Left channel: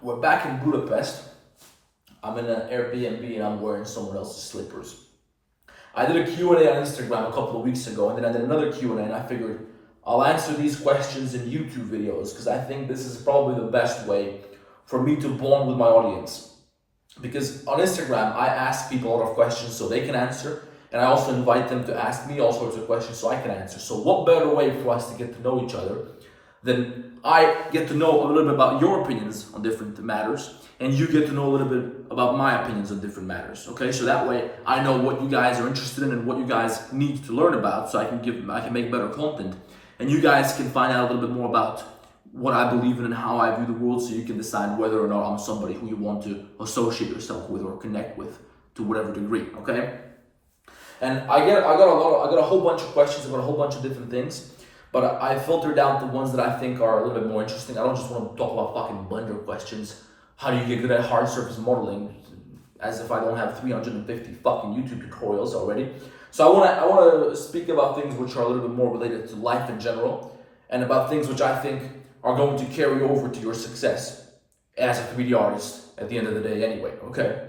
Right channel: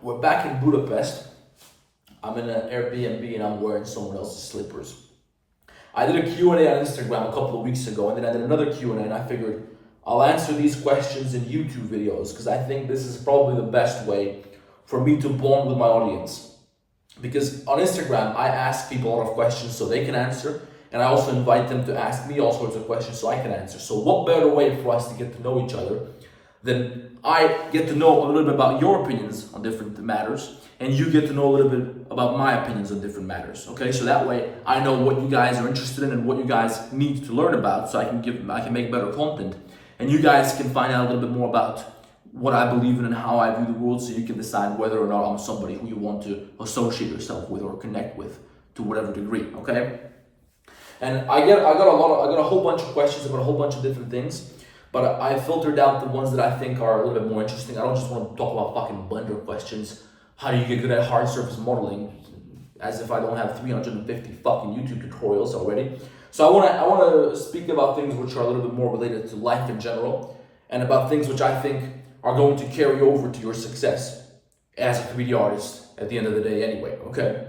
We're back in Budapest. I'm in an Airbnb and I'm wearing someone else's slippers. I did a Q&A on Instagram a couple of weeks ago, and then I did another Q&A, and I figured I'll answer these questions in YouTube videos because I think this is probably the best way for me to bond with my audience. Because on Instagram, I ask people a lot of questions so they can answer, and I also invite them to ask me all sorts of questions so I can answer. So what better way for us to get to know each other than I get to know a little bit about your opinions on different matters, and you get to know a little bit about my opinions on different matters. Okay, so that way I know what you guys are interested in and what you guys need to learn about, so I can make better content, and you guys can find out a little bit more about what I believe in and how I view the world, so you can decide whether or not I'm somebody who you want to associate yourself with or connect with to whatever degree. Okay, and I got a whole bunch of questions about a whole bunch of different things. But I filtered out the ones that I think are a little bit more interesting. I don't just want to talk about fucking blender questions. How do you get good at hard surface modeling? As if I don't have 350 fucking YouTube tutorials already. So I want to speak about things which are a little bit more related to life in general, and about things which I think are going to carry over to your success as a 3D artist at the end of the day anyway, okay?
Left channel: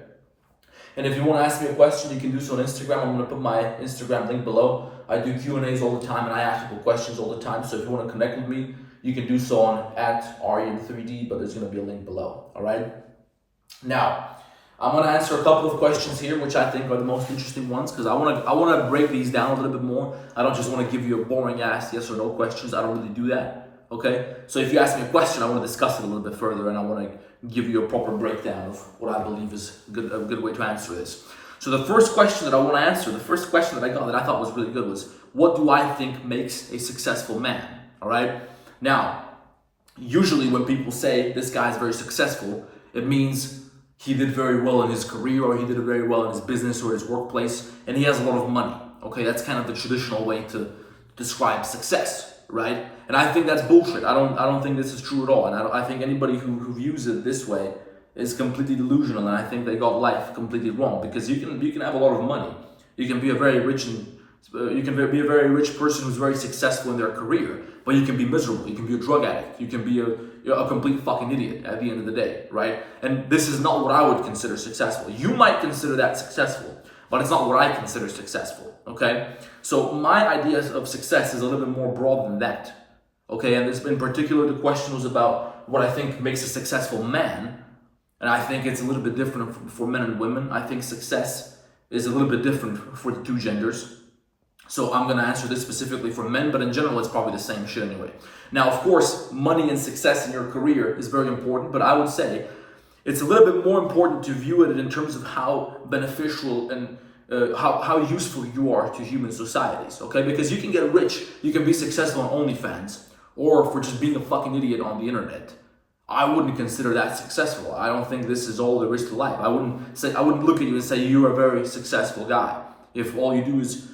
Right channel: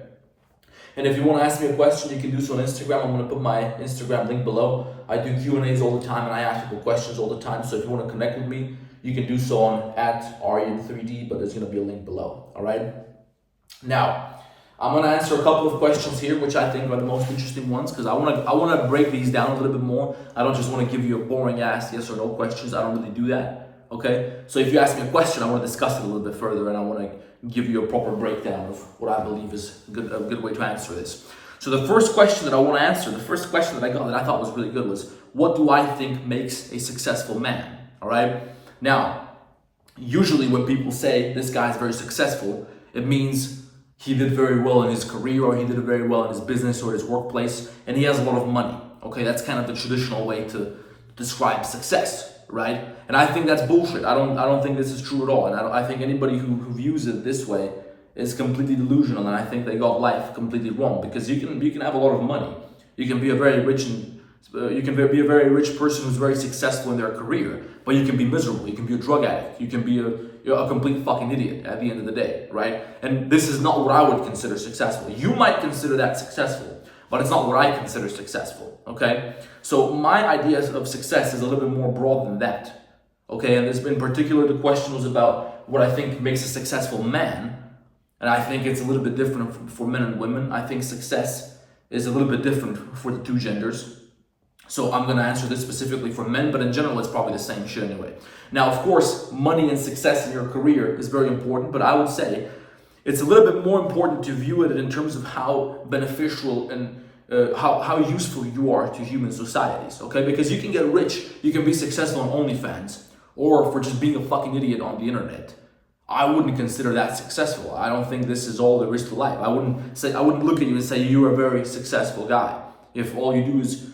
And if you want to ask me a question, you can do so on Instagram. I'm going to put my Instagram link below. I do Q&As all the time, and I ask people questions all the time. So if you want to connect with me, you can do so on @Aryan3D, but there's going to be a link below, all right? Now, I'm going to answer a couple of questions here, which I think are the most interesting ones, because I want to break these down a little bit more. I don't just want to give you a boring ass yes or no questions. I don't really do that. Okay, so if you ask me a question, I want to discuss it a little bit further, and I want to give you a proper breakdown of what I believe is a good way to answer this. So the first question that I want to answer, the first question that I got that I thought was really good was, what do I think makes a successful man? All right. Now, usually when people say this guy is very successful, it means he did very well in his career, or he did very well in his business or his workplace, and he has a lot of money. Okay, that's kind of the traditional way to describe success, right? And I think that's bullshit. I don't think this is true at all. And I think anybody who views it this way is completely delusional, and I think they got life completely wrong, because you can have a lot of money. You can be a very rich person who's very successful in their career, but you can be miserable. You can be a drug addict. You can be a complete fucking idiot at the end of the day, right? And this is not what I would consider successful. You might consider that successful, but it's not what I consider successful, okay? So my ideas of success is a little bit more broad than that, okay? And this, in particular, the question was about what I think makes a successful man, and I think it's a little bit different for men and women. I think success is a little bit different for the two genders. So I'm gonna answer this specifically for men, but in general, it's probably the same shit anyway. Now, of course, money and success in your career is very important, but I would say it's a little bit more important to view it in terms of how beneficial and how useful you are to human societies, okay? Because you can get rich, you can be successful on OnlyFans, or for just being a fucking idiot on the internet. I wouldn't consider that successful. I don't think this is all there is to life. I wouldn't look at you and say you're a very successful guy if all you do is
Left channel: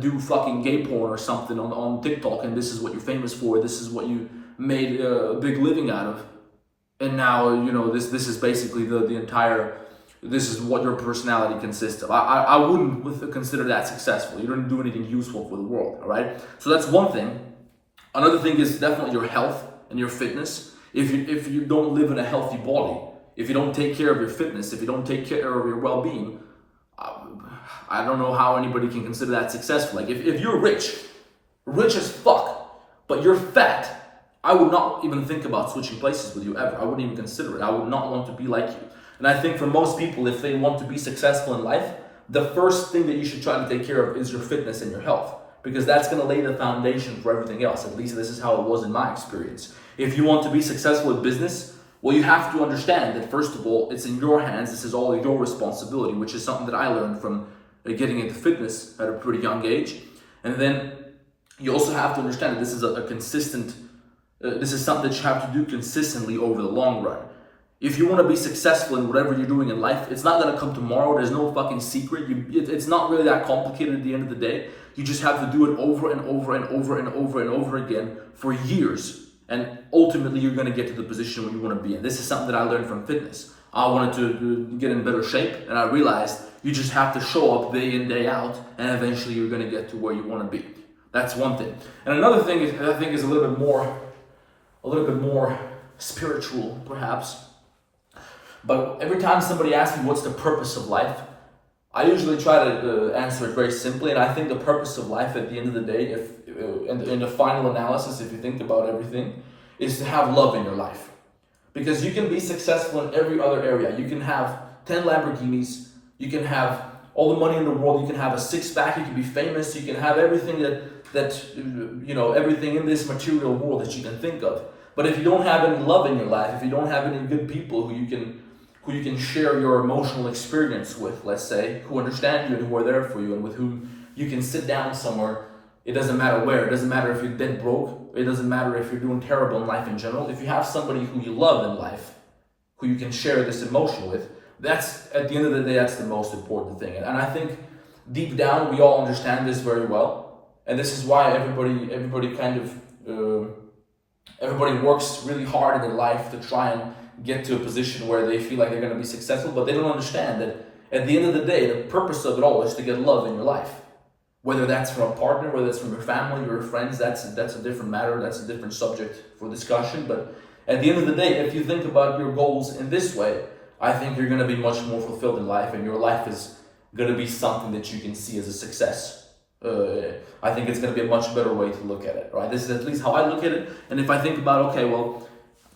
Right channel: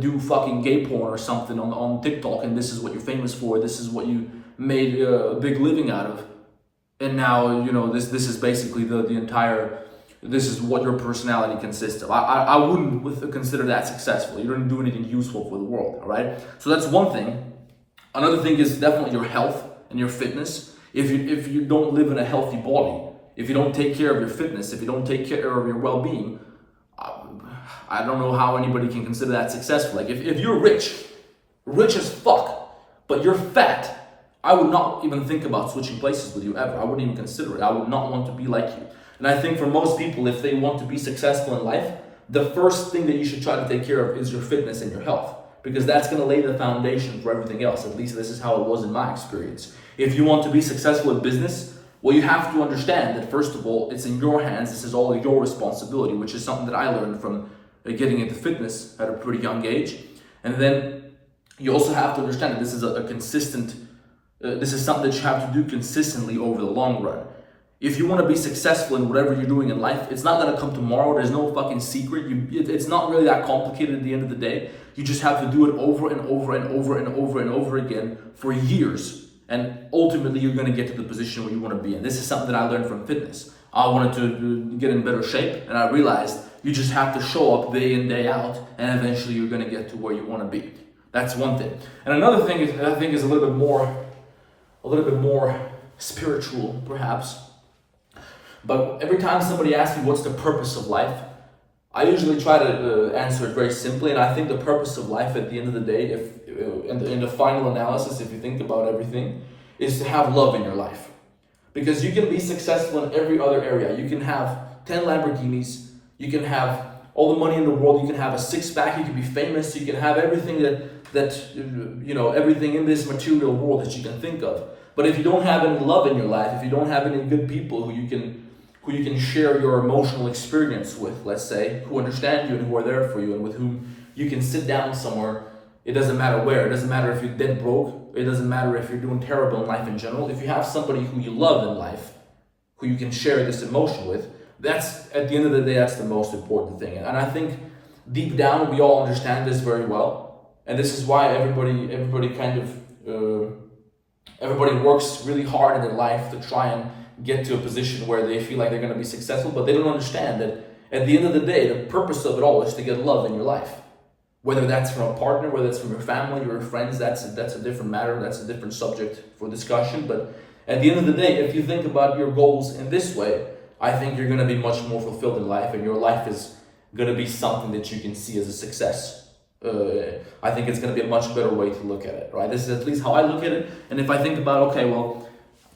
do fucking gay porn or something on TikTok, and this is what you're famous for, this is what you made a big living out of. And now, you know, this is basically the entire, this is what your personality consists of. I wouldn't consider that successful. You don't do anything useful for the world, all right? So that's one thing. Another thing is definitely your health and your fitness. If you don't live in a healthy body, if you don't take care of your fitness, if you don't take care of your well-being, I don't know how anybody can consider that successful. Like if you're rich as fuck, but you're fat, I would not even think about switching places with you ever. I wouldn't even consider it. I would not want to be like you. And I think for most people, if they want to be successful in life, the first thing that you should try to take care of is your fitness and your health, because that's going to lay the foundation for everything else. At least this is how it was in my experience. If you want to be successful in business, well, you have to understand that, first of all, it's in your hands. This is all your responsibility, which is something that I learned from getting into fitness at a pretty young age. And then you also have to understand that this is a consistent, this is something that you have to do consistently over the long run. If you want to be successful in whatever you're doing in life, it's not going to come tomorrow. There's no fucking secret. It's not really that complicated at the end of the day. You just have to do it over and over and over and over and over again for years. And ultimately, you're going to get to the position where you want to be in. This is something that I learned from fitness. I wanted to get in better shape, and I realized you just have to show up day in, day out, and eventually you're going to get to where you want to be. That's one thing. And another thing I think is a little bit more spiritual, perhaps. But every time somebody asks me what's the purpose of life, I usually try to answer it very simply, and I think the purpose of life at the end of the day, if in the final analysis, if you think about everything, is to have love in your life. Because you can be successful in every other area. You can have 10 Lamborghinis, you can have all the money in the world, you can have a six-pack, you can be famous, you can have everything everything in this material world that you can think of. But if you don't have any love in your life, if you don't have any good people who you can share your emotional experience with, let's say, who understand you and who are there for you and with whom you can sit down somewhere, it doesn't matter where, it doesn't matter if you're dead broke, it doesn't matter if you're doing terrible in life in general. If you have somebody who you love in life, who you can share this emotion with, that's, at the end of the day, that's the most important thing. And I think deep down, we all understand this very well. And this is why everybody works really hard in their life to try and get to a position where they feel like they're going to be successful, but they don't understand that at the end of the day, the purpose of it all is to get love in your life. Whether that's from a partner, whether it's from your family or your friends, that's a different matter, that's a different subject for discussion. But at the end of the day, if you think about your goals in this way, I think you're going to be much more fulfilled in life, and your life is going to be something that you can see as a success. I think it's going to be a much better way to look at it, right? This is at least how I look at it. And if I think about, okay, well,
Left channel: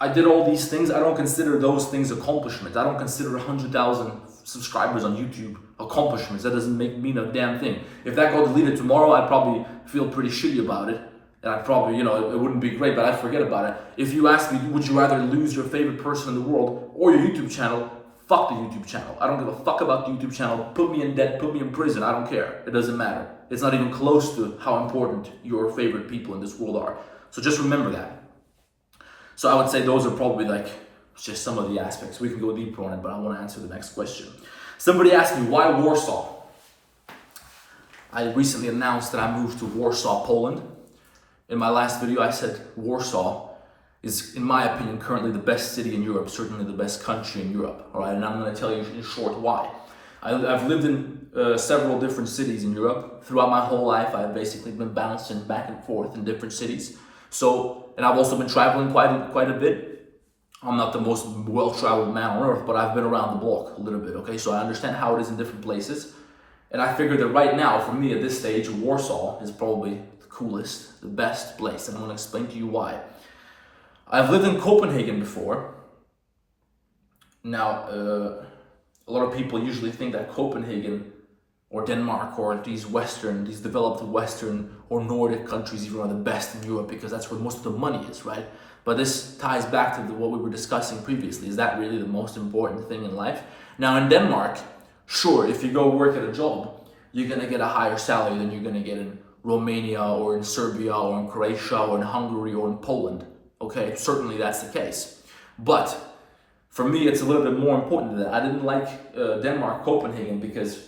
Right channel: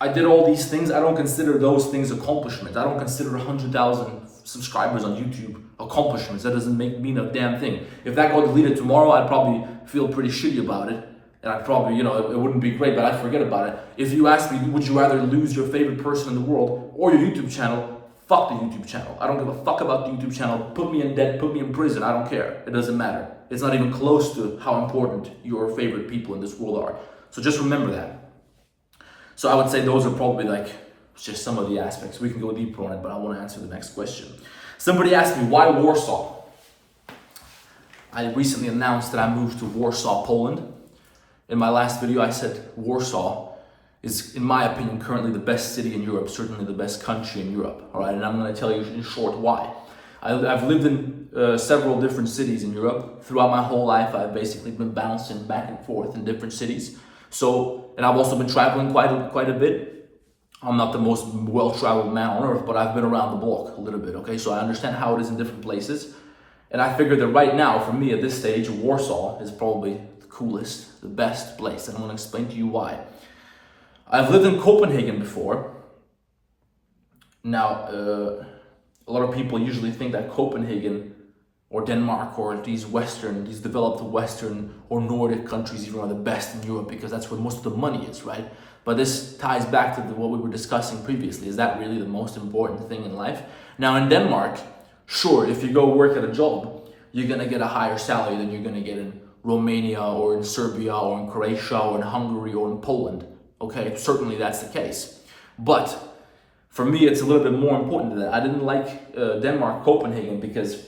I did all these things, I don't consider those things accomplishments. I don't consider 100,000 subscribers on YouTube accomplishments. That doesn't mean a damn thing. If that got deleted tomorrow, I'd probably feel pretty shitty about it. And I'd probably, it wouldn't be great, but I'd forget about it. If you ask me, would you rather lose your favorite person in the world or your YouTube channel? Fuck the YouTube channel. I don't give a fuck about the YouTube channel. Put me in debt, put me in prison. I don't care. It doesn't matter. It's not even close to how important your favorite people in this world are. So just remember that. So I would say those are probably just some of the aspects. We can go deeper on it, but I want to answer the next question. Somebody asked me, why Warsaw? I recently announced that I moved to Warsaw, Poland. In my last video, I said Warsaw is, in my opinion, currently the best city in Europe, certainly the best country in Europe. All right, and I'm going to tell you in short why. I've lived in several different cities in Europe. Throughout my whole life, I've basically been bouncing back and forth in different cities. And I've also been traveling quite a bit. I'm not the most well-traveled man on earth, but I've been around the block a little bit, okay? So I understand how it is in different places. And I figured that right now, for me at this stage, Warsaw is probably the coolest, the best place. And I'm going to explain to you why. I've lived in Copenhagen before. Now, a lot of people usually think that Copenhagen or Denmark or these developed Western or Nordic countries even are the best in Europe because that's where most of the money is, right? But this ties back to what we were discussing previously. Is that really the most important thing in life? Now in Denmark, sure, if you go work at a job, you're gonna get a higher salary than you're gonna get in Romania or in Serbia or in Croatia or in Hungary or in Poland. Okay, certainly that's the case. But for me, it's a little bit more important than that. I didn't like Denmark, Copenhagen, because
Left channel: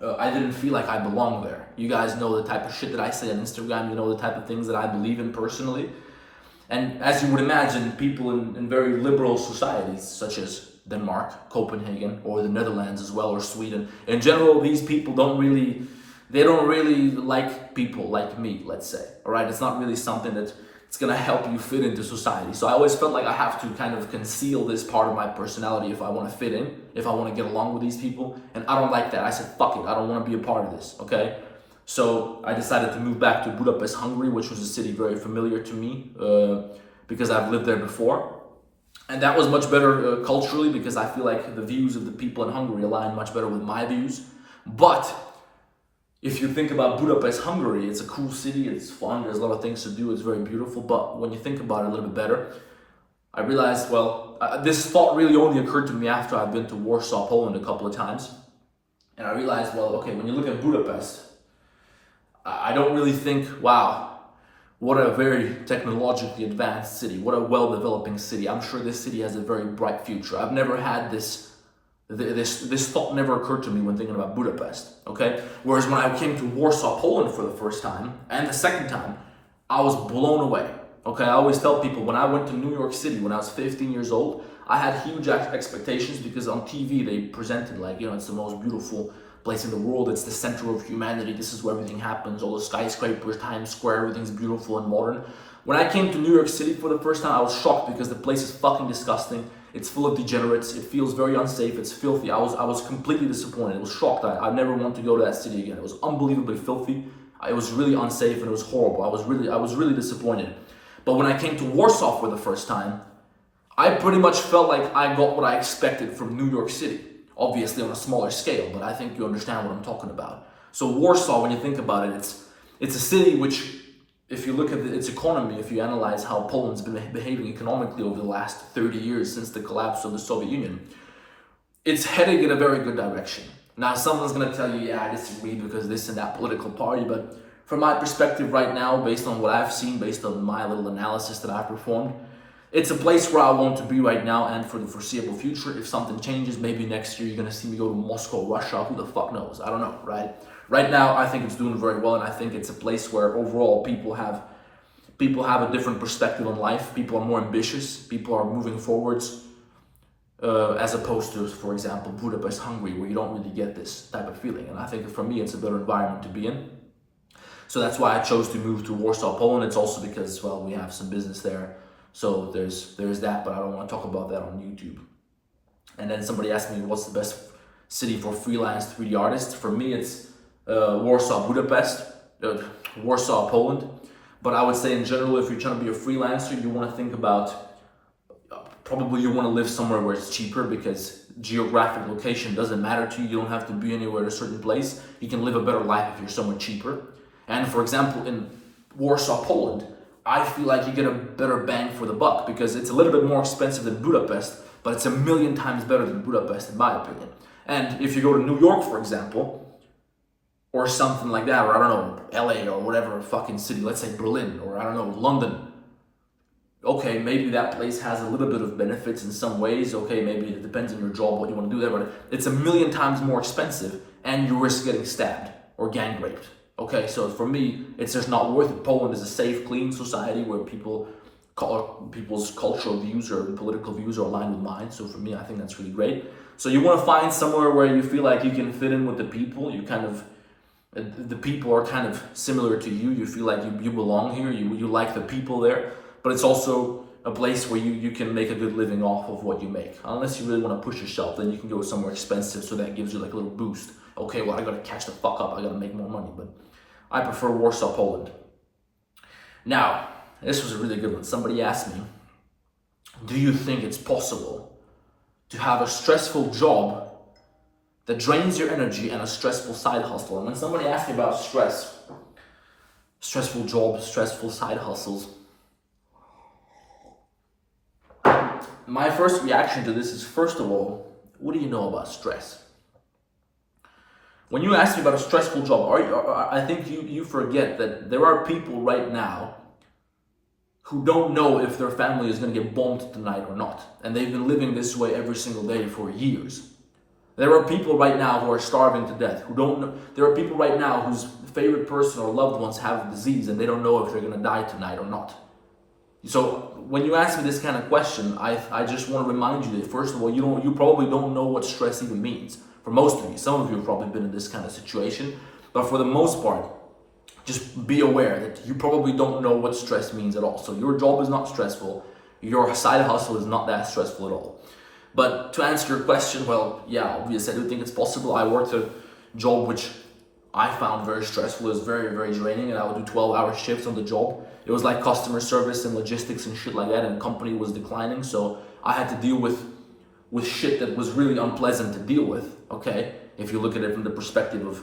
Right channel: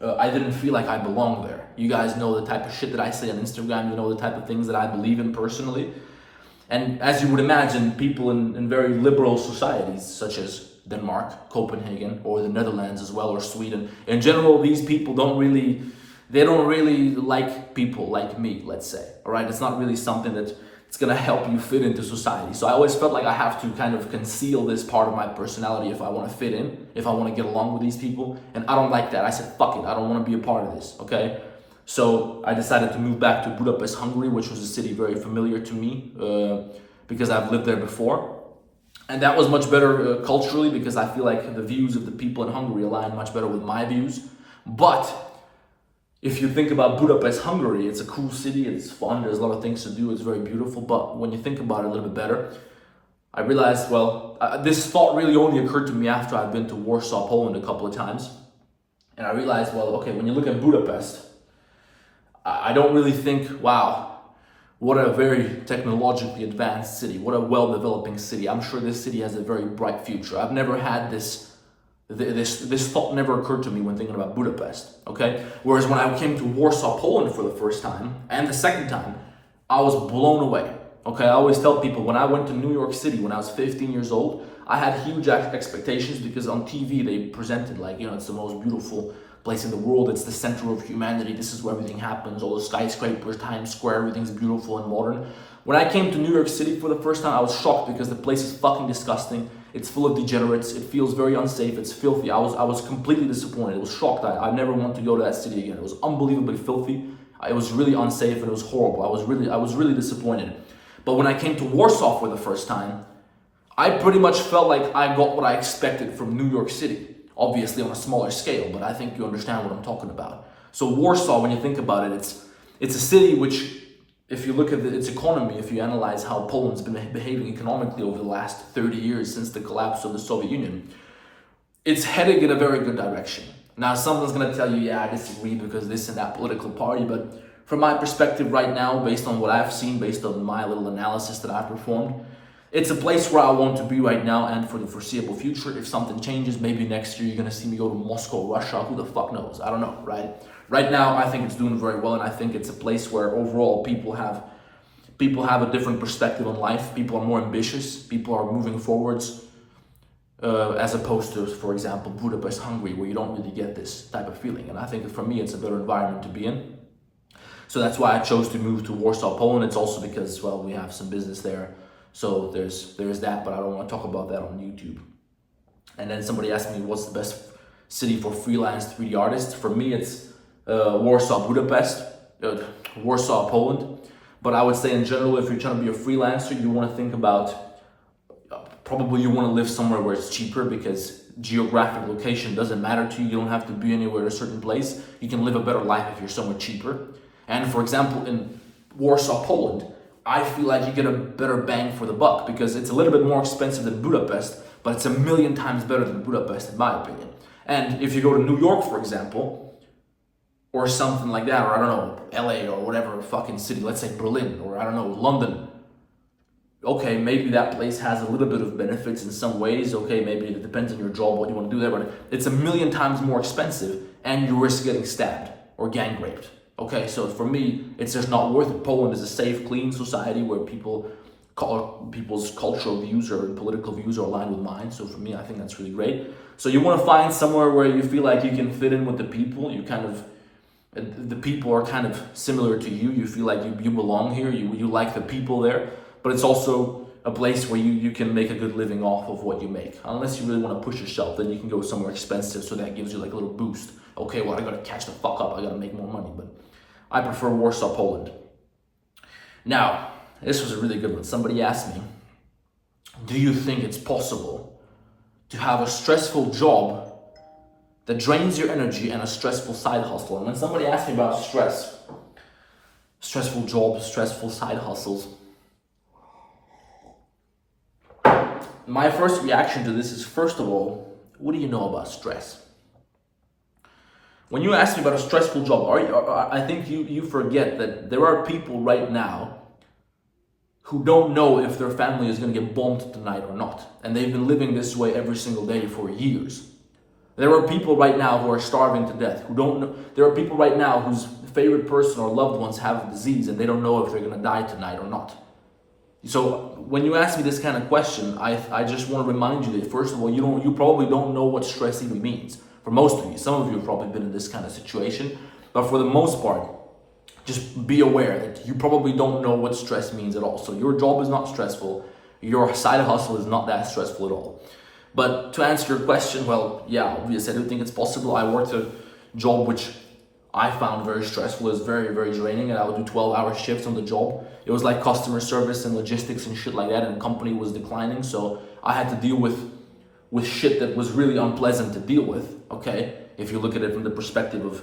I didn't feel like I belonged there. You guys know the type of shit that I say on Instagram. You know the type of things that I believe in personally. And as you would imagine, people in very liberal societies, such as Denmark, Copenhagen, or the Netherlands as well, or Sweden, in general, these people don't really like people like me, let's say. All right, it's not really something that it's gonna help you fit into society. So I always felt like I have to kind of conceal this part of my personality if I want to fit in, if I want to get along with these people. And I don't like that. I said, fuck it, I don't want to be a part of this, okay? So I decided to move back to Budapest, Hungary, which was a city very familiar to me because I've lived there before. And that was much better culturally because I feel like the views of the people in Hungary align much better with my views. But if you think about Budapest, Hungary, it's a cool city, it's fun, there's a lot of things to do, it's very beautiful. But when you think about it a little bit better, I realized, this thought really only occurred to me after I've been to Warsaw, Poland a couple of times. And I realized, okay, when you look at Budapest, I don't really think, wow, what a very technologically advanced city, what a well-developing city. I'm sure this city has a very bright future. I've never had this thought never occurred to me when thinking about Budapest, okay? Whereas when I came to Warsaw, Poland for the first time, and the second time, I was blown away, okay? I always tell people, when I went to New York City when I was 15 years old, I had huge expectations because on TV they presented it's the most beautiful place in the world, it's the center of humanity, this is where everything happens, all the skyscrapers, Times Square, everything's beautiful and modern. When I came to New York City for the first time, I was shocked because the place is fucking disgusting. It's full of degenerates. It feels very unsafe. It's filthy. I was completely disappointed. I was shocked. I never want to go to that city again. It was unbelievably filthy. It was really unsafe and it was horrible. I was really disappointed. But when I came to Warsaw for the first time, I pretty much felt like I got what I expected from New York City. Obviously on a smaller scale, but I think you understand what I'm talking about. So Warsaw, when you think about it, it's a city which, if you look at its economy, if you analyze how Poland's been behaving economically over the last 30 years since the collapse of the Soviet Union, it's heading in a very good direction. Now, someone's going to tell you, yeah, I disagree because this and that political party, but from my perspective right now, based on what I've seen, based on my little analysis that I've performed, it's a place where I want to be right now and for the foreseeable future. If something changes, maybe next year you're going to see me go to Moscow, Russia, who the fuck knows? I don't know, right? Right now, I think it's doing very well, and I think it's a place where overall people have a different perspective on life. People are more ambitious. People are moving forwards, as opposed to, for example, Budapest, Hungary, where you don't really get this type of feeling. And I think for me, it's a better environment to be in. So that's why I chose to move to Warsaw, Poland. It's also because, well, we have some business there. So there's that, but I don't want to talk about that on YouTube. And then somebody asked me, what's the best city for freelance 3D artists? For me, it's Warsaw, Budapest, Warsaw, Poland. But I would say in general, if you're trying to be a freelancer, you want to think about, probably you want to live somewhere where it's cheaper, because geographic location doesn't matter to you. You don't have to be anywhere in a certain place. You can live a better life if you're somewhere cheaper. And for example, in Warsaw, Poland, I feel like you get a better bang for the buck, because it's a little bit more expensive than Budapest, but it's 1,000,000 times better than Budapest in my opinion. And if you go to New York, for example, or something like that, or I don't know, LA or whatever fucking city, let's say Berlin, or I don't know, London. Okay, maybe that place has a little bit of benefits in some ways. Okay, maybe it depends on your job, what you want to do there, but it's 1,000,000 times more expensive and you risk getting stabbed or gang raped. Okay, so for me, it's just not worth it. Poland is a safe, clean society where people's cultural views or political views are aligned with mine. So for me, I think that's really great. So you want to find somewhere where you feel like you can fit in with the people. The people are kind of similar to you. You feel like you belong here. You like the people there. But it's also a place where you can make a good living off of what you make. Unless you really want to push yourself, then you can go somewhere expensive, so that gives you like a little boost. Okay, well, I gotta catch the fuck up. I gotta make more money. But I prefer Warsaw, Poland. Now, this was a really good one. Somebody asked me, do you think it's possible to have a stressful job that drains your energy and a stressful side hustle? And when somebody asks me about stressful jobs, stressful side hustles, my first reaction to this is, first of all, what do you know about stress? When you ask me about a stressful job, I think you forget that there are people right now who don't know if their family is going to get bombed tonight or not. And they've been living this way every single day for years. There are people right now who are starving to death, who don't know. There are people right now whose favorite person or loved ones have a disease and they don't know if they're going to die tonight or not. So when you ask me this kind of question, I just want to remind you that, first of all, you probably don't know what stress even means. For most of you, some of you have probably been in this kind of situation, but for the most part, just be aware that you probably don't know what stress means at all. So your job is not stressful. Your side hustle is not that stressful at all. But to answer your question, well, yeah, obviously I do think it's possible. I worked a job which I found very stressful. It was very, very draining, and I would do 12-hour shifts on the job. It was like customer service and logistics and shit like that, and the company was declining, so I had to deal with shit that was really unpleasant to deal with, okay? If you look at it from the perspective of,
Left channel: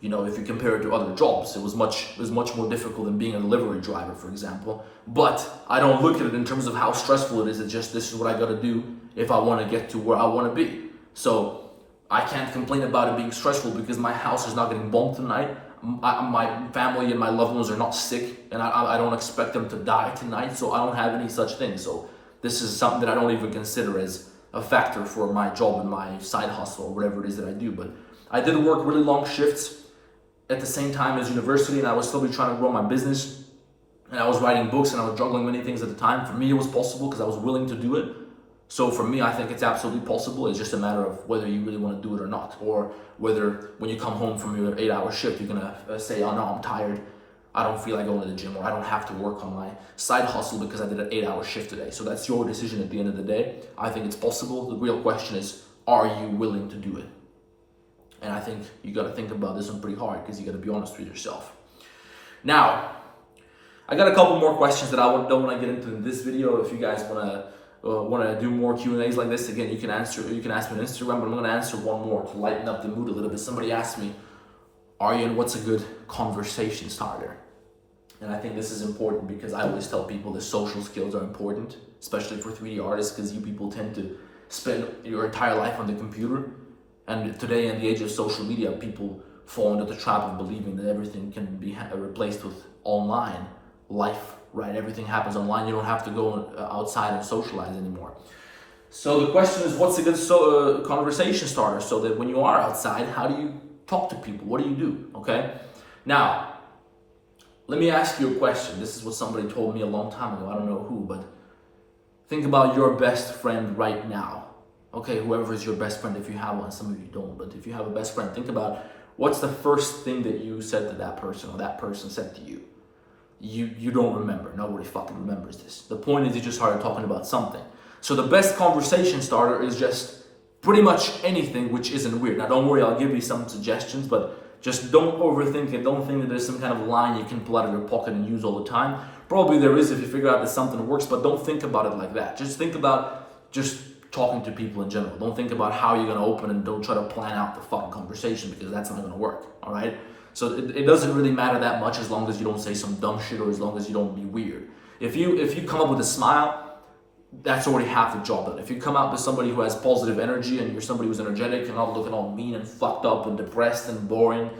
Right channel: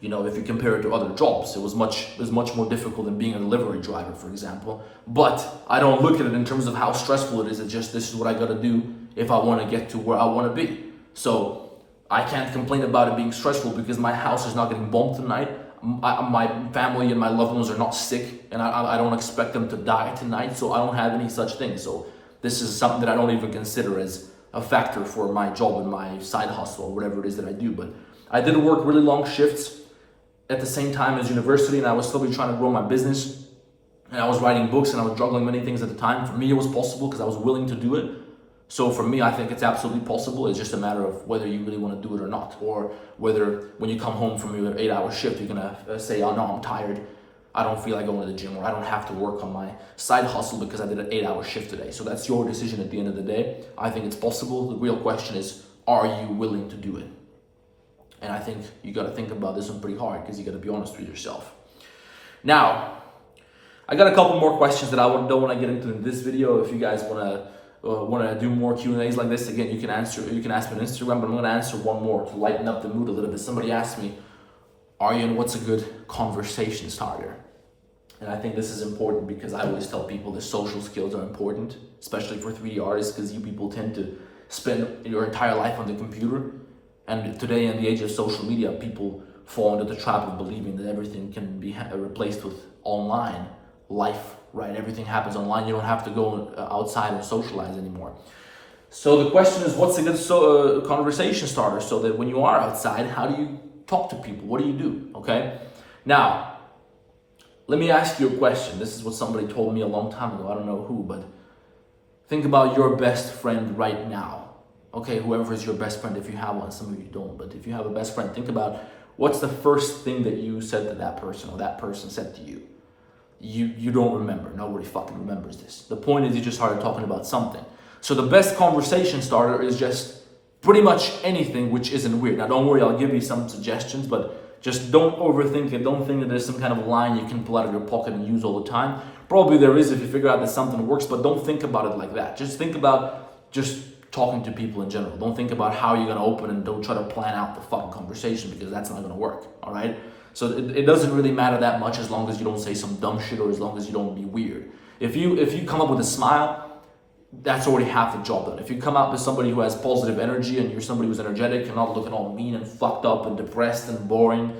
if you compare it to other jobs, it was much more difficult than being a delivery driver, for example. But I don't look at it in terms of how stressful it is. It's just, this is what I gotta do if I wanna get to where I wanna be. So I can't complain about it being stressful because my house is not getting bombed tonight. My family and my loved ones are not sick, and I don't expect them to die tonight, so I don't have any such thing. So this is something that I don't even consider as a factor for my job and my side hustle or whatever it is that I do. But I did work really long shifts at the same time as university, and I was slowly trying to grow my business, and I was writing books, and I was juggling many things at the time. For me, it was possible because I was willing to do it. So for me, I think it's absolutely possible. It's just a matter of whether you really want to do it or not, or whether when you come home from your 8-hour shift, you're gonna say, oh no, I'm tired, I don't feel like going to the gym, or I don't have to work on my side hustle because I did an 8-hour shift today. So that's your decision at the end of the day. I think it's possible. The real question is, are you willing to do it? And I think you got to think about this one pretty hard, because you got to be honest with yourself. Now, I got a couple more questions that I don't want to get into in this video. If you guys want to do more Q&As like this, again, you can ask me on Instagram, but I'm going to answer one more to lighten up the mood a little bit. Somebody asked me, Aryan, what's a good conversation starter? And I think this is important, because I always tell people that social skills are important, especially for 3D artists, because you people tend to spend your entire life on the computer. And today, in the age of social media, people fall into the trap of believing that everything can be replaced with online life, right? Everything happens online. You don't have to go outside and socialize anymore. So the question is, what's a good conversation starter, so that when you are outside, how do you talk to people? What do you do? Okay. Now, let me ask you a question. This is what somebody told me a long time ago. I don't know who, but think about your best friend right now. Okay, whoever is your best friend, if you have one. Some of you don't, but if you have a best friend, think about what's the first thing that you said to that person, or that person said to you. You don't remember. Nobody fucking remembers this. The point is, you just started talking about something. So the best conversation starter is just pretty much anything which isn't weird. Now, don't worry, I'll give you some suggestions, but just don't overthink it. Don't think that there's some kind of line you can pull out of your pocket and use all the time. Probably there is if you figure out that something works, but don't think about it like that. Just think about just talking to people in general. Don't think about how you're going to open, and don't try to plan out the fucking conversation, because that's not going to work, all right? So it doesn't really matter that much, as long as you don't say some dumb shit, or as long as you don't be weird. If you come up with a smile, that's already half the job done. If you come out with somebody who has positive energy, and you're somebody who's energetic and not looking all mean and fucked up and depressed and boring,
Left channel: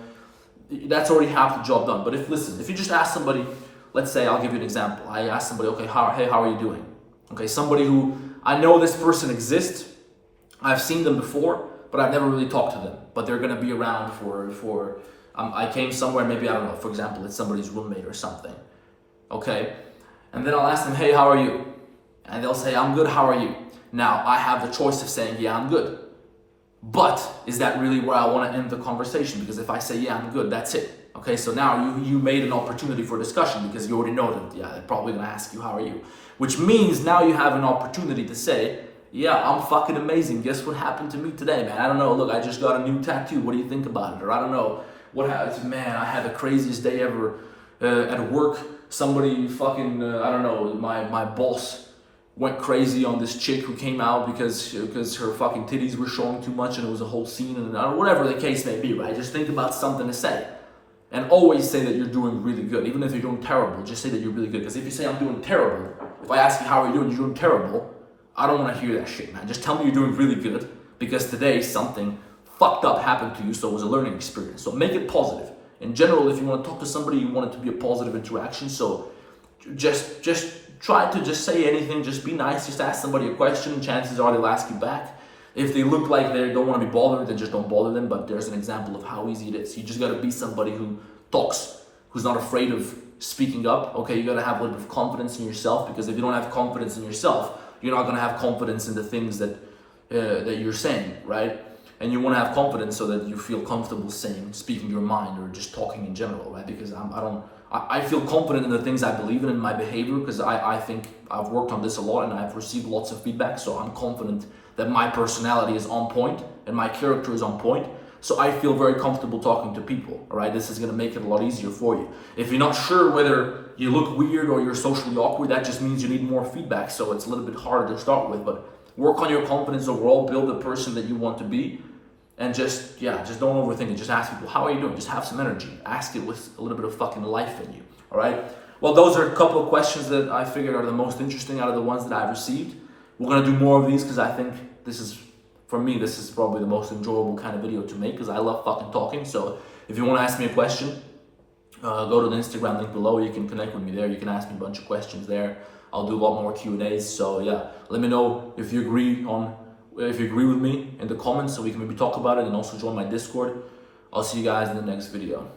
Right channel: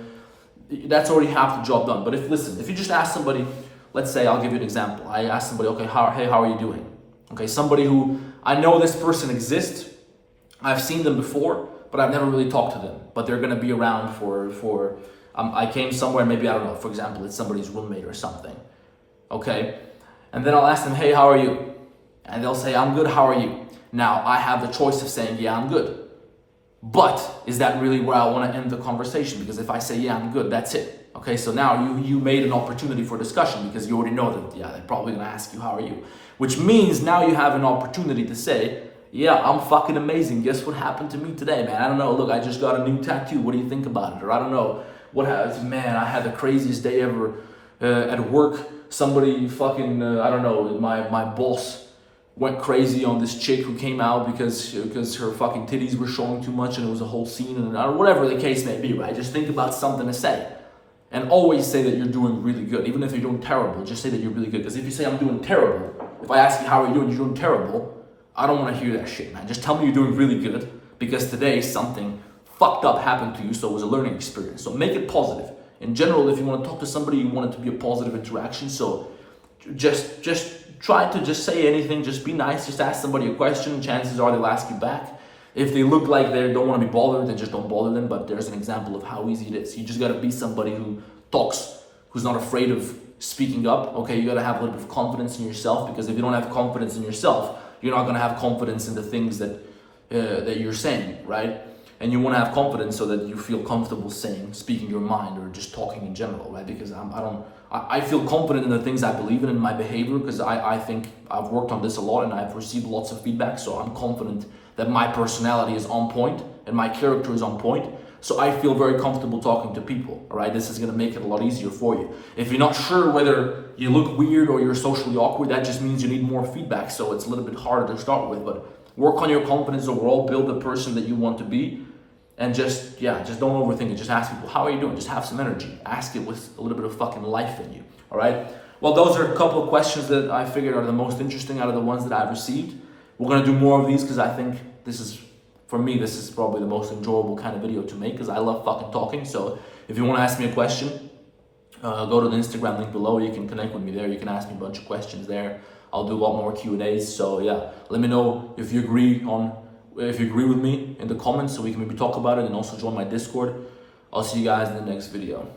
that's already half the job done. But if you just ask somebody, let's say, I'll give you an example. I ask somebody, okay, how are you doing? Okay, somebody who, I know this person exists, I've seen them before, but I've never really talked to them. But they're gonna be around for I came somewhere, maybe, I don't know, for example, it's somebody's roommate or something. Okay, and then I'll ask them, hey, how are you? And they'll say, I'm good, how are you? Now, I have the choice of saying, yeah, I'm good. But is that really where I want to end the conversation? Because if I say, yeah, I'm good, that's it. Okay, so now you made an opportunity for discussion, because you already know that, yeah, they're probably going to ask you, how are you? Which means now you have an opportunity to say, yeah, I'm fucking amazing. Guess what happened to me today, man? I don't know. Look, I just got a new tattoo. What do you think about it? Or I don't know. What happened? Man, I had the craziest day ever at work. Somebody fucking, I don't know, my boss went crazy on this chick who came out because her fucking titties were showing too much, and it was a whole scene, and whatever the case may be, right? Just think about something to say. And always say that you're doing really good. Even if you're doing terrible, just say that you're really good. Because if you say I'm doing terrible, if I ask you how are you doing, you're doing terrible, I don't want to hear that shit, man. Just tell me you're doing really good, because today something fucked up happened to you, so it was a learning experience. So make it positive. In general, if you want to talk to somebody, you want it to be a positive interaction. So just try to just say anything, just be nice, just ask somebody a question, chances are they'll ask you back. If they look like they don't want to be bothered, then just don't bother them. But there's an example of how easy it is. You just got to be somebody who talks, who's not afraid of speaking up. Okay, you got to have a little bit of confidence in yourself, because if you don't have confidence in yourself, you're not going to have confidence in the things that you're saying, right? And you want to have confidence so that you feel comfortable speaking your mind, or just talking in general, right? Because I feel confident in the things I believe in my behavior, because I think I've worked on this a lot and I've received lots of feedback. So I'm confident that my personality is on point and my character is on point. So I feel very comfortable talking to people, all right? This is going to make it a lot easier for you. If you're not sure whether you look weird or you're socially awkward, that just means you need more feedback. So it's a little bit harder to start with, but work on your confidence overall, build the person that you want to be, and just don't overthink it. Just ask people, how are you doing? Just have some energy. Ask it with a little bit of fucking life in you, all right? Well, those are a couple of questions that I figured are the most interesting out of the ones that I've received. We're going to do more of these, because I think this is probably the most enjoyable kind of video to make, because I love fucking talking. So if you want to ask me a question, go to the Instagram link below. You can connect with me there. You can ask me a bunch of questions there. I'll do a lot more Q&As. So yeah, let me know if you agree with me in the comments, so we can maybe talk about it, and also join my Discord. I'll see you guys in the next video.